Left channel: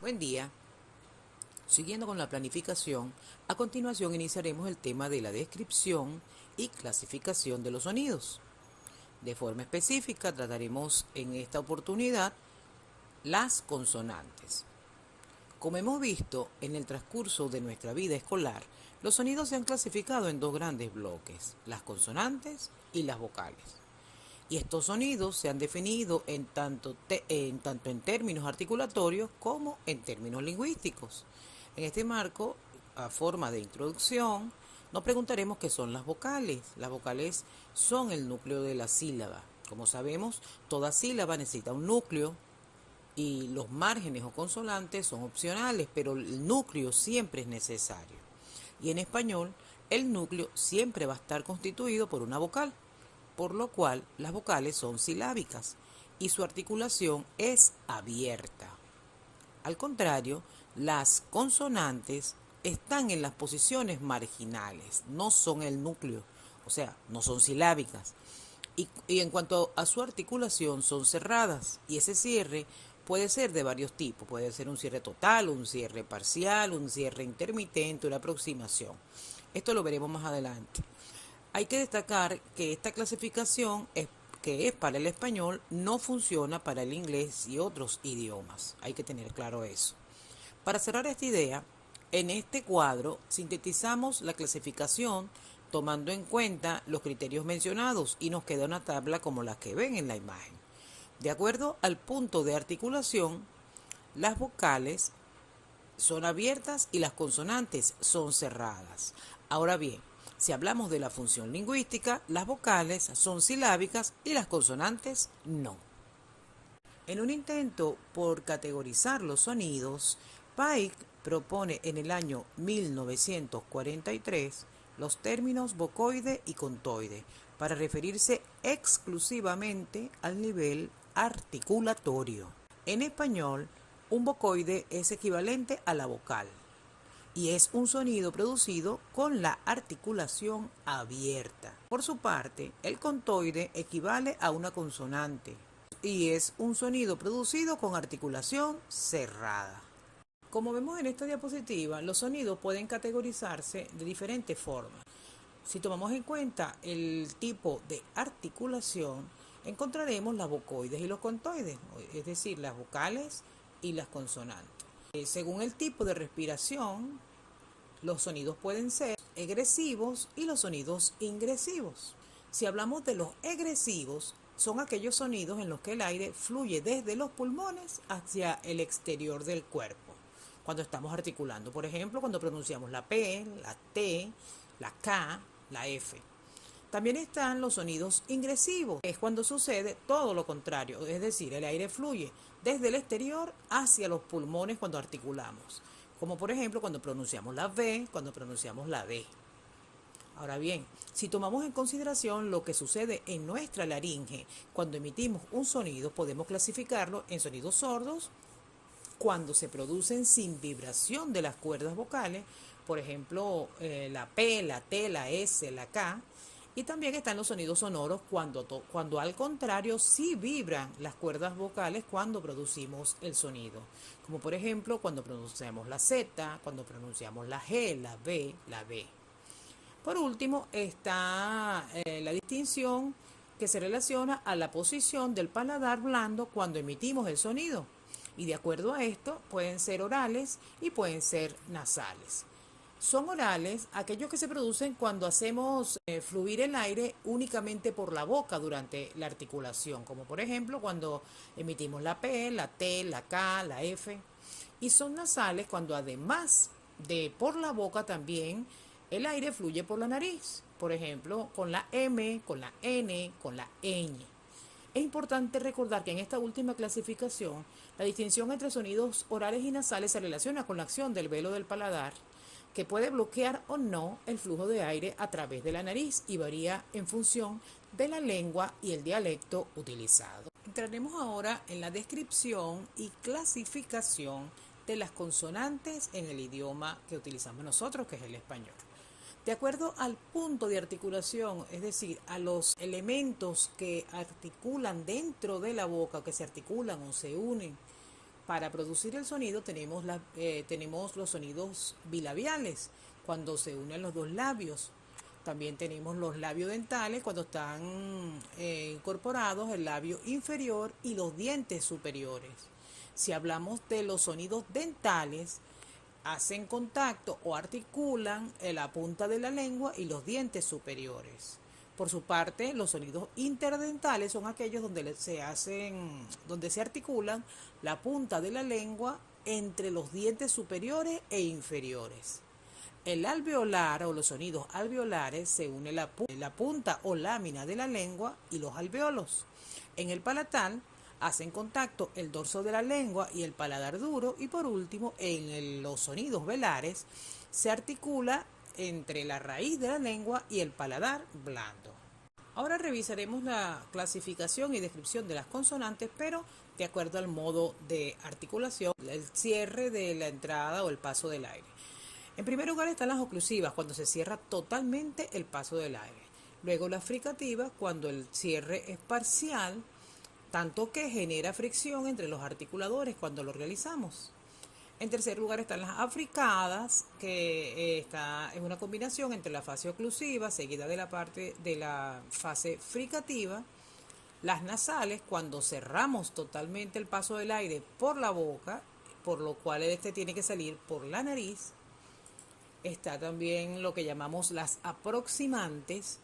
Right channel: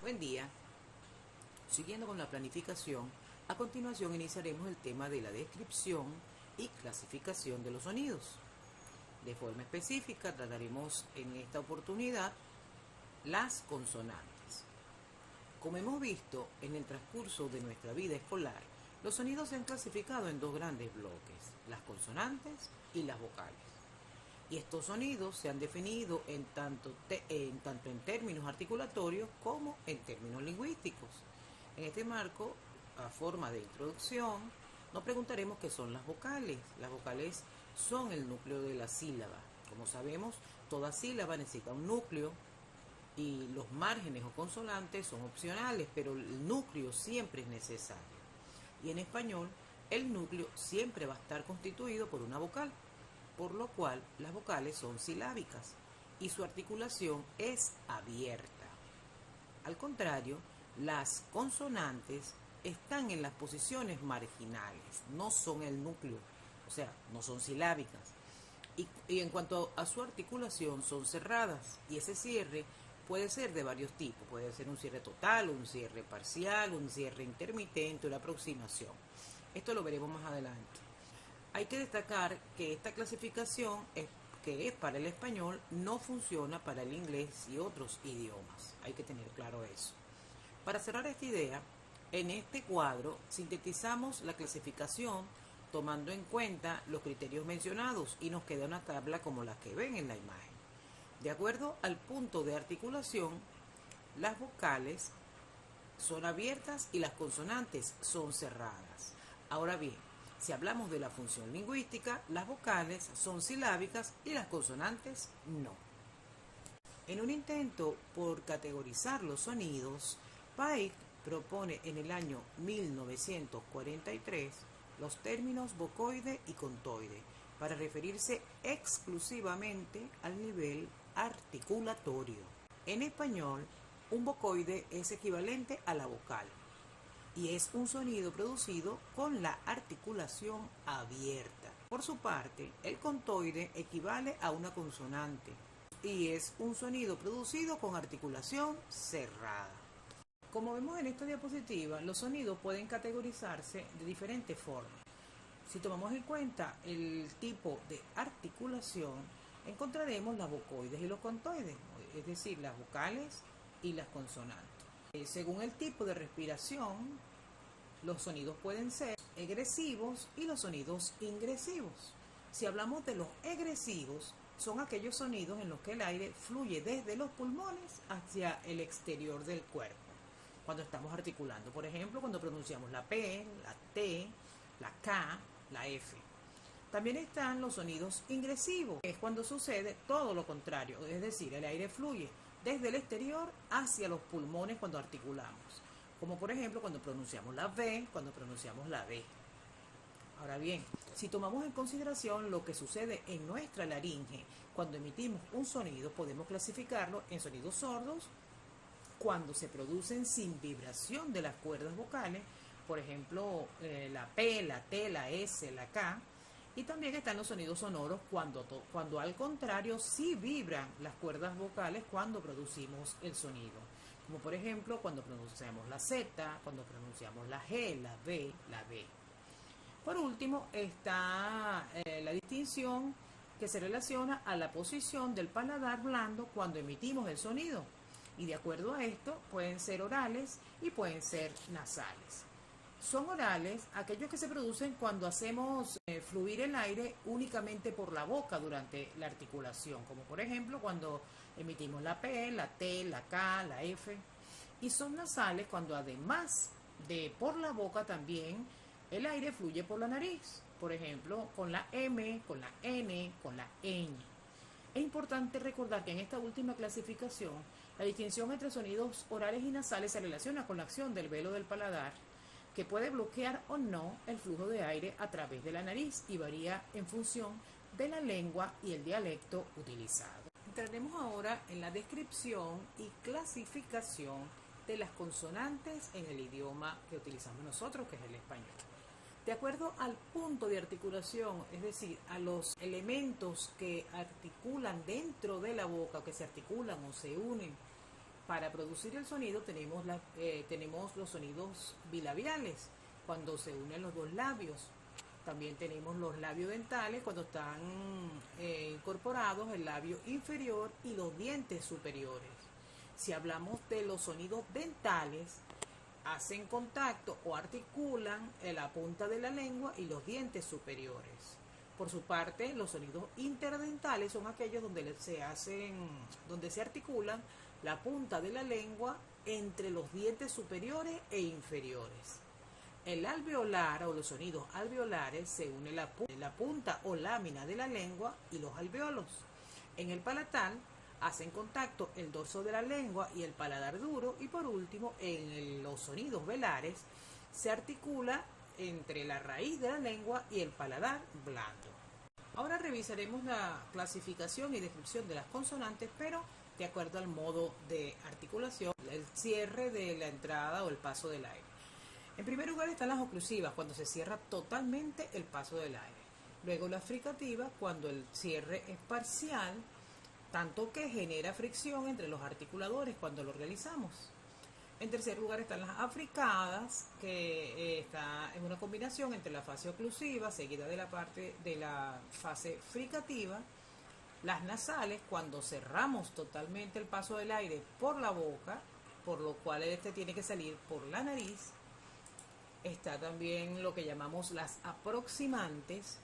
Buen día. Siguiendo con la planificación, a continuación iniciaremos el tema de la descripción y clasificación de los sonidos. De forma específica trataremos en esta oportunidad las consonantes. Como hemos visto en el transcurso de nuestra vida escolar, los sonidos se han clasificado en dos grandes bloques, las consonantes y las vocales. Y estos sonidos se han definido tanto en términos articulatorios como en términos lingüísticos. En este marco, a forma de introducción, nos preguntaremos qué son las vocales. Las vocales son el núcleo de la sílaba. Como sabemos, toda sílaba necesita un núcleo y los márgenes o consonantes son opcionales, pero el núcleo siempre es necesario. Y en español, el núcleo siempre va a estar constituido por una vocal, por lo cual las vocales son silábicas y su articulación es abierta. Al contrario, las consonantes están en las posiciones marginales, no son el núcleo, o sea, no son silábicas. Y en cuanto a su articulación, son cerradas y ese cierre puede ser de varios tipos, puede ser un cierre total, un cierre parcial, un cierre intermitente, una aproximación. Esto lo veremos más adelante. Hay que destacar que esta clasificación que es para el español no funciona para el inglés y otros idiomas. Hay que tener claro eso. Para cerrar esta idea, en este cuadro sintetizamos la clasificación tomando en cuenta los criterios mencionados y nos queda una tabla como la que ven en la imagen. De acuerdo al punto de articulación, las vocales son abiertas y las consonantes son cerradas. Ahora bien, si hablamos de la función lingüística, las vocales son silábicas y las consonantes no. En un intento por categorizar los sonidos, Pike propone en el año 1943 los términos vocoide y contoide para referirse exclusivamente al nivel articulatorio. En español, un vocoide es equivalente a la vocal y es un sonido producido con la articulación abierta. Por su parte, el contoide equivale a una consonante y es un sonido producido con articulación cerrada. Como vemos en esta diapositiva, los sonidos pueden categorizarse de diferentes formas. Si tomamos en cuenta el tipo de articulación, encontraremos las vocoides y los contoides, es decir, las vocales y las consonantes. Según el tipo de respiración, los sonidos pueden ser egresivos y los sonidos ingresivos. Si hablamos de los egresivos, son aquellos sonidos en los que el aire fluye desde los pulmones hacia el exterior del cuerpo. Cuando estamos articulando, por ejemplo, cuando pronunciamos la P, la T, la K, la F. También están los sonidos ingresivos, es cuando sucede todo lo contrario, es decir, el aire fluye desde el exterior hacia los pulmones cuando articulamos, como por ejemplo cuando pronunciamos la V, cuando pronunciamos la D. Ahora bien, si tomamos en consideración lo que sucede en nuestra laringe cuando emitimos un sonido, podemos clasificarlo en sonidos sordos cuando se producen sin vibración de las cuerdas vocales, por ejemplo, la P, la T, la S, la K. Y también están los sonidos sonoros cuando al contrario sí vibran las cuerdas vocales cuando producimos el sonido. Como por ejemplo cuando pronunciamos la Z, cuando pronunciamos la G, la B, la B. Por último está la distinción que se relaciona a la posición del paladar blando cuando emitimos el sonido. Y de acuerdo a esto pueden ser orales y pueden ser nasales. Son orales aquellos que se producen cuando hacemos fluir el aire únicamente por la boca durante la articulación, como por ejemplo cuando emitimos la P, la T, la K, la F. Y son nasales cuando además de por la boca también el aire fluye por la nariz, por ejemplo con la M, con la N, con la ñ. Es importante recordar que en esta última clasificación la distinción entre sonidos orales y nasales se relaciona con la acción del velo del paladar, que puede bloquear o no el flujo de aire a través de la nariz y varía en función de la lengua y el dialecto utilizado. Entraremos ahora en la descripción y clasificación de las consonantes en el idioma que utilizamos nosotros, que es el español. De acuerdo al punto de articulación, es decir, a los elementos que articulan dentro de la boca, o que se articulan o se unen Para producir el sonido tenemos los sonidos bilabiales, cuando se unen los dos labios. También tenemos los labios dentales cuando están incorporados el labio inferior y los dientes superiores. Si hablamos de los sonidos dentales, hacen contacto o articulan la punta de la lengua y los dientes superiores. Por su parte, los sonidos interdentales son aquellos donde se articulan la punta de la lengua entre los dientes superiores e inferiores. El alveolar o los sonidos alveolares se une la punta o lámina de la lengua y los alveolos. En el palatal hacen contacto el dorso de la lengua y el paladar duro, y por último en los sonidos velares se articula entre la raíz de la lengua y el paladar blando. Ahora revisaremos la clasificación y descripción de las consonantes, pero de acuerdo al modo de articulación, el cierre de la entrada o el paso del aire. En primer lugar están las oclusivas, cuando se cierra totalmente el paso del aire. Luego las fricativas, cuando el cierre es parcial, tanto que genera fricción entre los articuladores cuando lo realizamos. En tercer lugar están las africadas, que está en una combinación entre la fase oclusiva seguida de la parte de la fase fricativa. Las nasales, cuando cerramos totalmente el paso del aire por la boca, por lo cual este tiene que salir por la nariz. Está también lo que llamamos las aproximantes,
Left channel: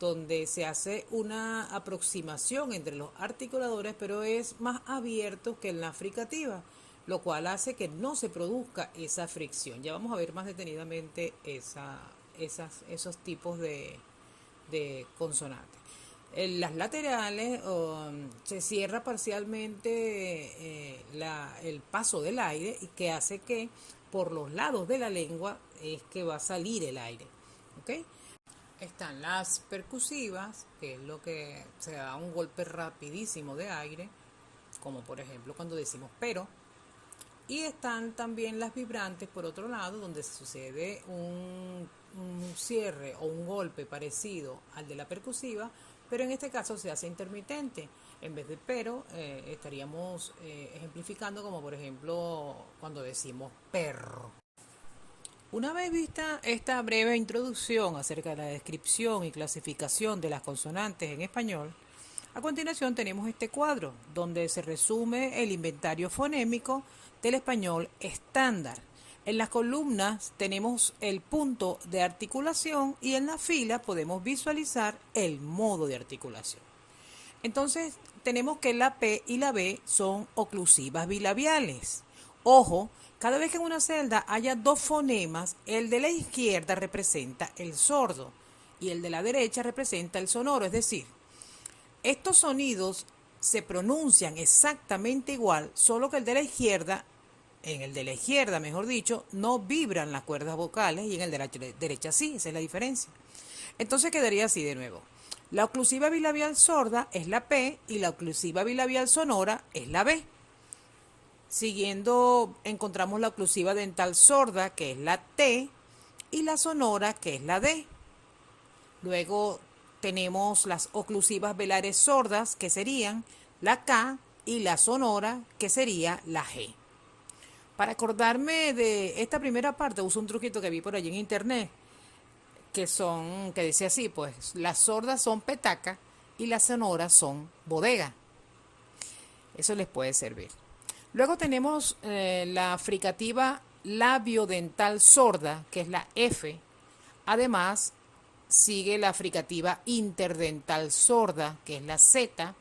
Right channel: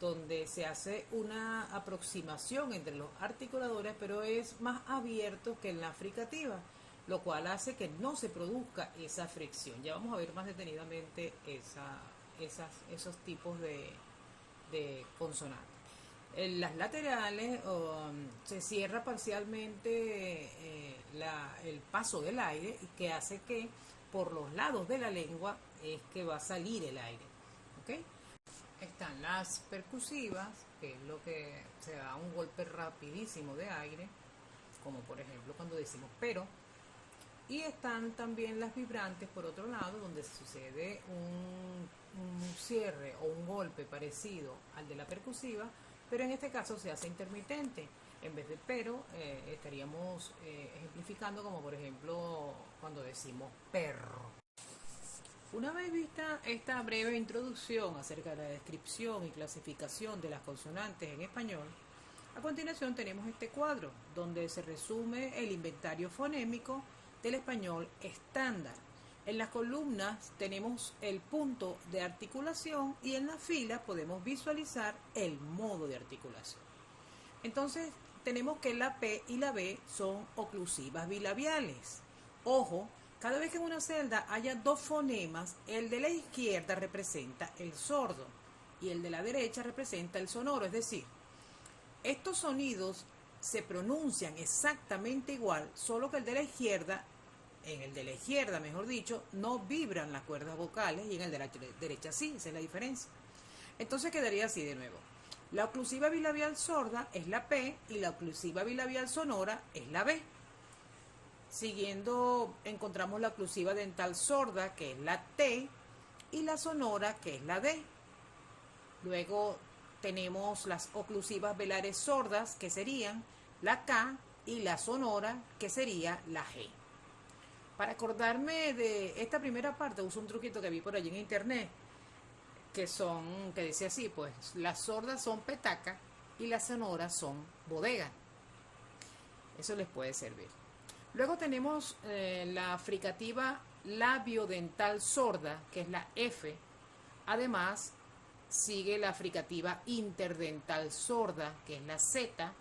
donde se hace una aproximación entre los articuladores, pero es más abierto que en la fricativa, lo cual hace que no se produzca esa fricción. Ya vamos a ver más detenidamente esos tipos de consonantes. En las laterales se cierra parcialmente el paso del aire, y que hace que por los lados de la lengua es que va a salir el aire. ¿Okay? Están las percusivas, que es lo que se da un golpe rapidísimo de aire, como por ejemplo cuando decimos pero. Y están también las vibrantes, por otro lado, donde sucede un cierre o un golpe parecido al de la percusiva, pero en este caso se hace intermitente. En vez de pero, estaríamos ejemplificando como por ejemplo cuando decimos perro. Una vez vista esta breve introducción acerca de la descripción y clasificación de las consonantes en español, a continuación tenemos este cuadro donde se resume el inventario fonémico del español estándar. En las columnas tenemos el punto de articulación y en la fila podemos visualizar el modo de articulación. Entonces tenemos que la P y la B son oclusivas bilabiales. Ojo, cada vez que en una celda haya dos fonemas, el de la izquierda representa el sordo y el de la derecha representa el sonoro, es decir, estos sonidos se pronuncian exactamente igual, solo que el de la izquierda, mejor dicho, no vibran las cuerdas vocales y en el de la derecha sí, esa es la diferencia. Entonces quedaría así de nuevo. La oclusiva bilabial sorda es la P y la oclusiva bilabial sonora es la B. Siguiendo encontramos la oclusiva dental sorda, que es la T, y la sonora, que es la D. Luego tenemos las oclusivas velares sordas, que serían la K, y la sonora, que sería la G. Para acordarme de esta primera parte, uso un truquito que vi por allí en internet, que dice así, pues, las sordas son petaca y las sonoras son bodega. Eso les puede servir. Luego tenemos la fricativa labiodental sorda, que es la F. Además, sigue la fricativa interdental sorda, que es la Z,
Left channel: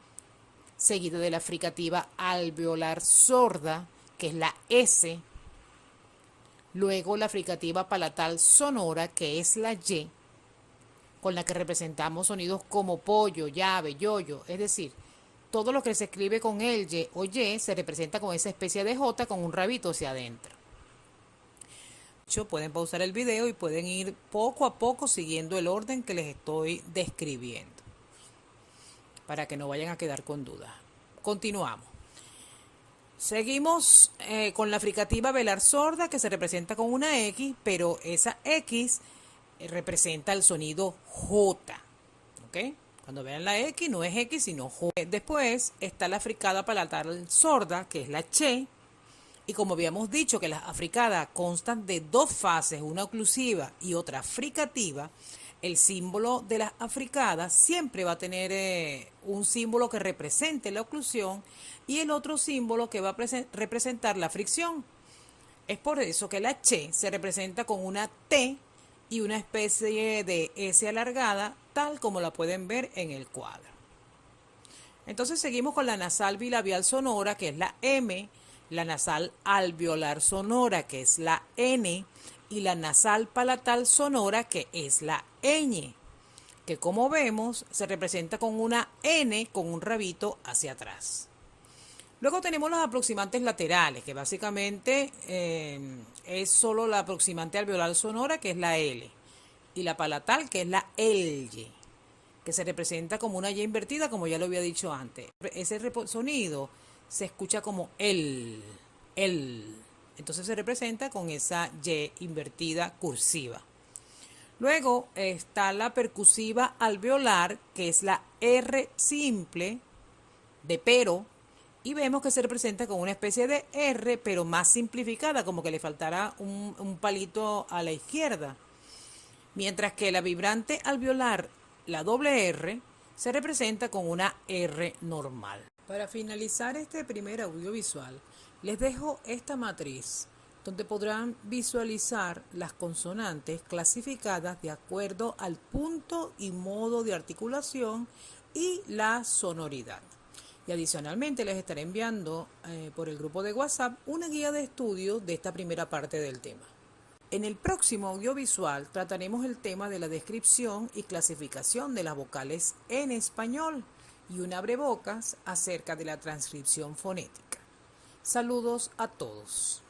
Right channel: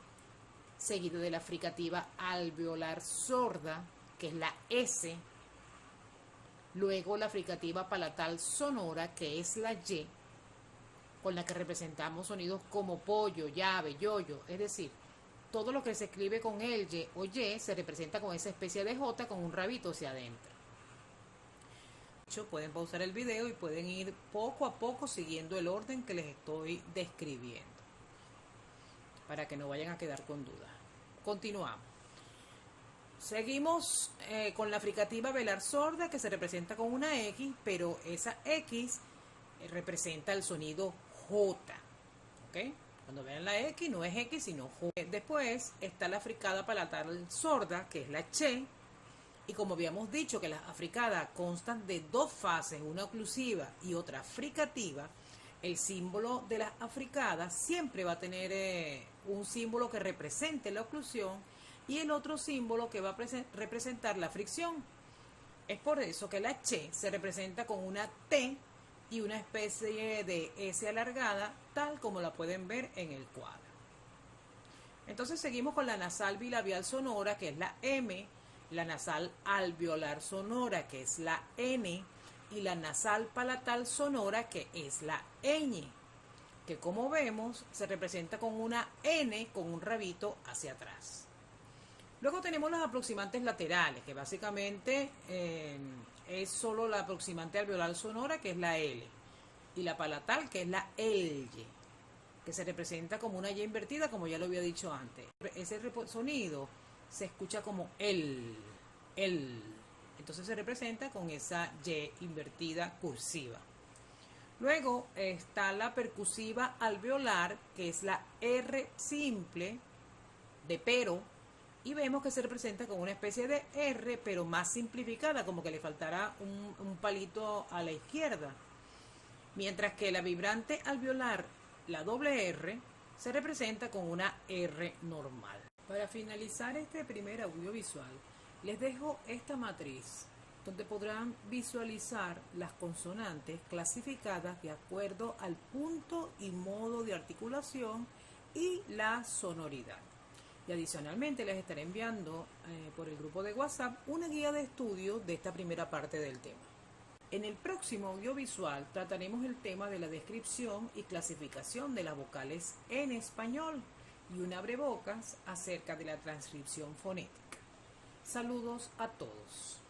seguida de la fricativa alveolar sorda, que es la S. Luego la fricativa palatal sonora, que es la Y, con la que representamos sonidos como pollo, llave, yoyo, es decir, todo lo que se escribe con el Y o Y se representa con esa especie de J con un rabito hacia adentro. Pueden pausar el video y pueden ir poco a poco siguiendo el orden que les estoy describiendo, para que no vayan a quedar con dudas. Continuamos. Seguimos con la fricativa velar sorda, que se representa con una X, pero esa X representa el sonido J. ¿Ok? Cuando vean la X, no es X, sino J. Después está la fricada palatal sorda, que es la Ch. Y como habíamos dicho que las africadas constan de dos fases, una oclusiva y otra fricativa, el símbolo de las africadas siempre va a tener un símbolo que represente la oclusión y el otro símbolo que va a representar la fricción. Es por eso que la che se representa con una T y una especie de S alargada, tal como la pueden ver en el cuadro. Entonces seguimos con la nasal bilabial sonora, que es la M, la nasal alveolar sonora, que es la N, y la nasal palatal sonora, que es la ñ, que como vemos se representa con una N con un rabito hacia atrás. Luego tenemos los aproximantes laterales, que básicamente es solo la aproximante alveolar sonora, que es la L, y la palatal, que es la LY, que se representa como una Y invertida, como ya lo había dicho antes. Ese sonido se escucha como el. Entonces se representa con esa Y invertida cursiva. Luego está la percusiva alveolar, que es la R simple de pero, y vemos que se representa con una especie de R, pero más simplificada, como que le faltará un palito a la izquierda. Mientras que la vibrante alveolar, la doble R, se representa con una R normal. Para finalizar este primer audiovisual, les dejo esta matriz, donde podrán visualizar las consonantes clasificadas de acuerdo al punto y modo de articulación y la sonoridad. Y adicionalmente les estaré enviando por el grupo de WhatsApp una guía de estudio de esta primera parte del tema. En el próximo audiovisual trataremos el tema de la descripción y clasificación de las vocales en español y un abrebocas acerca de la transcripción fonética. Saludos a todos.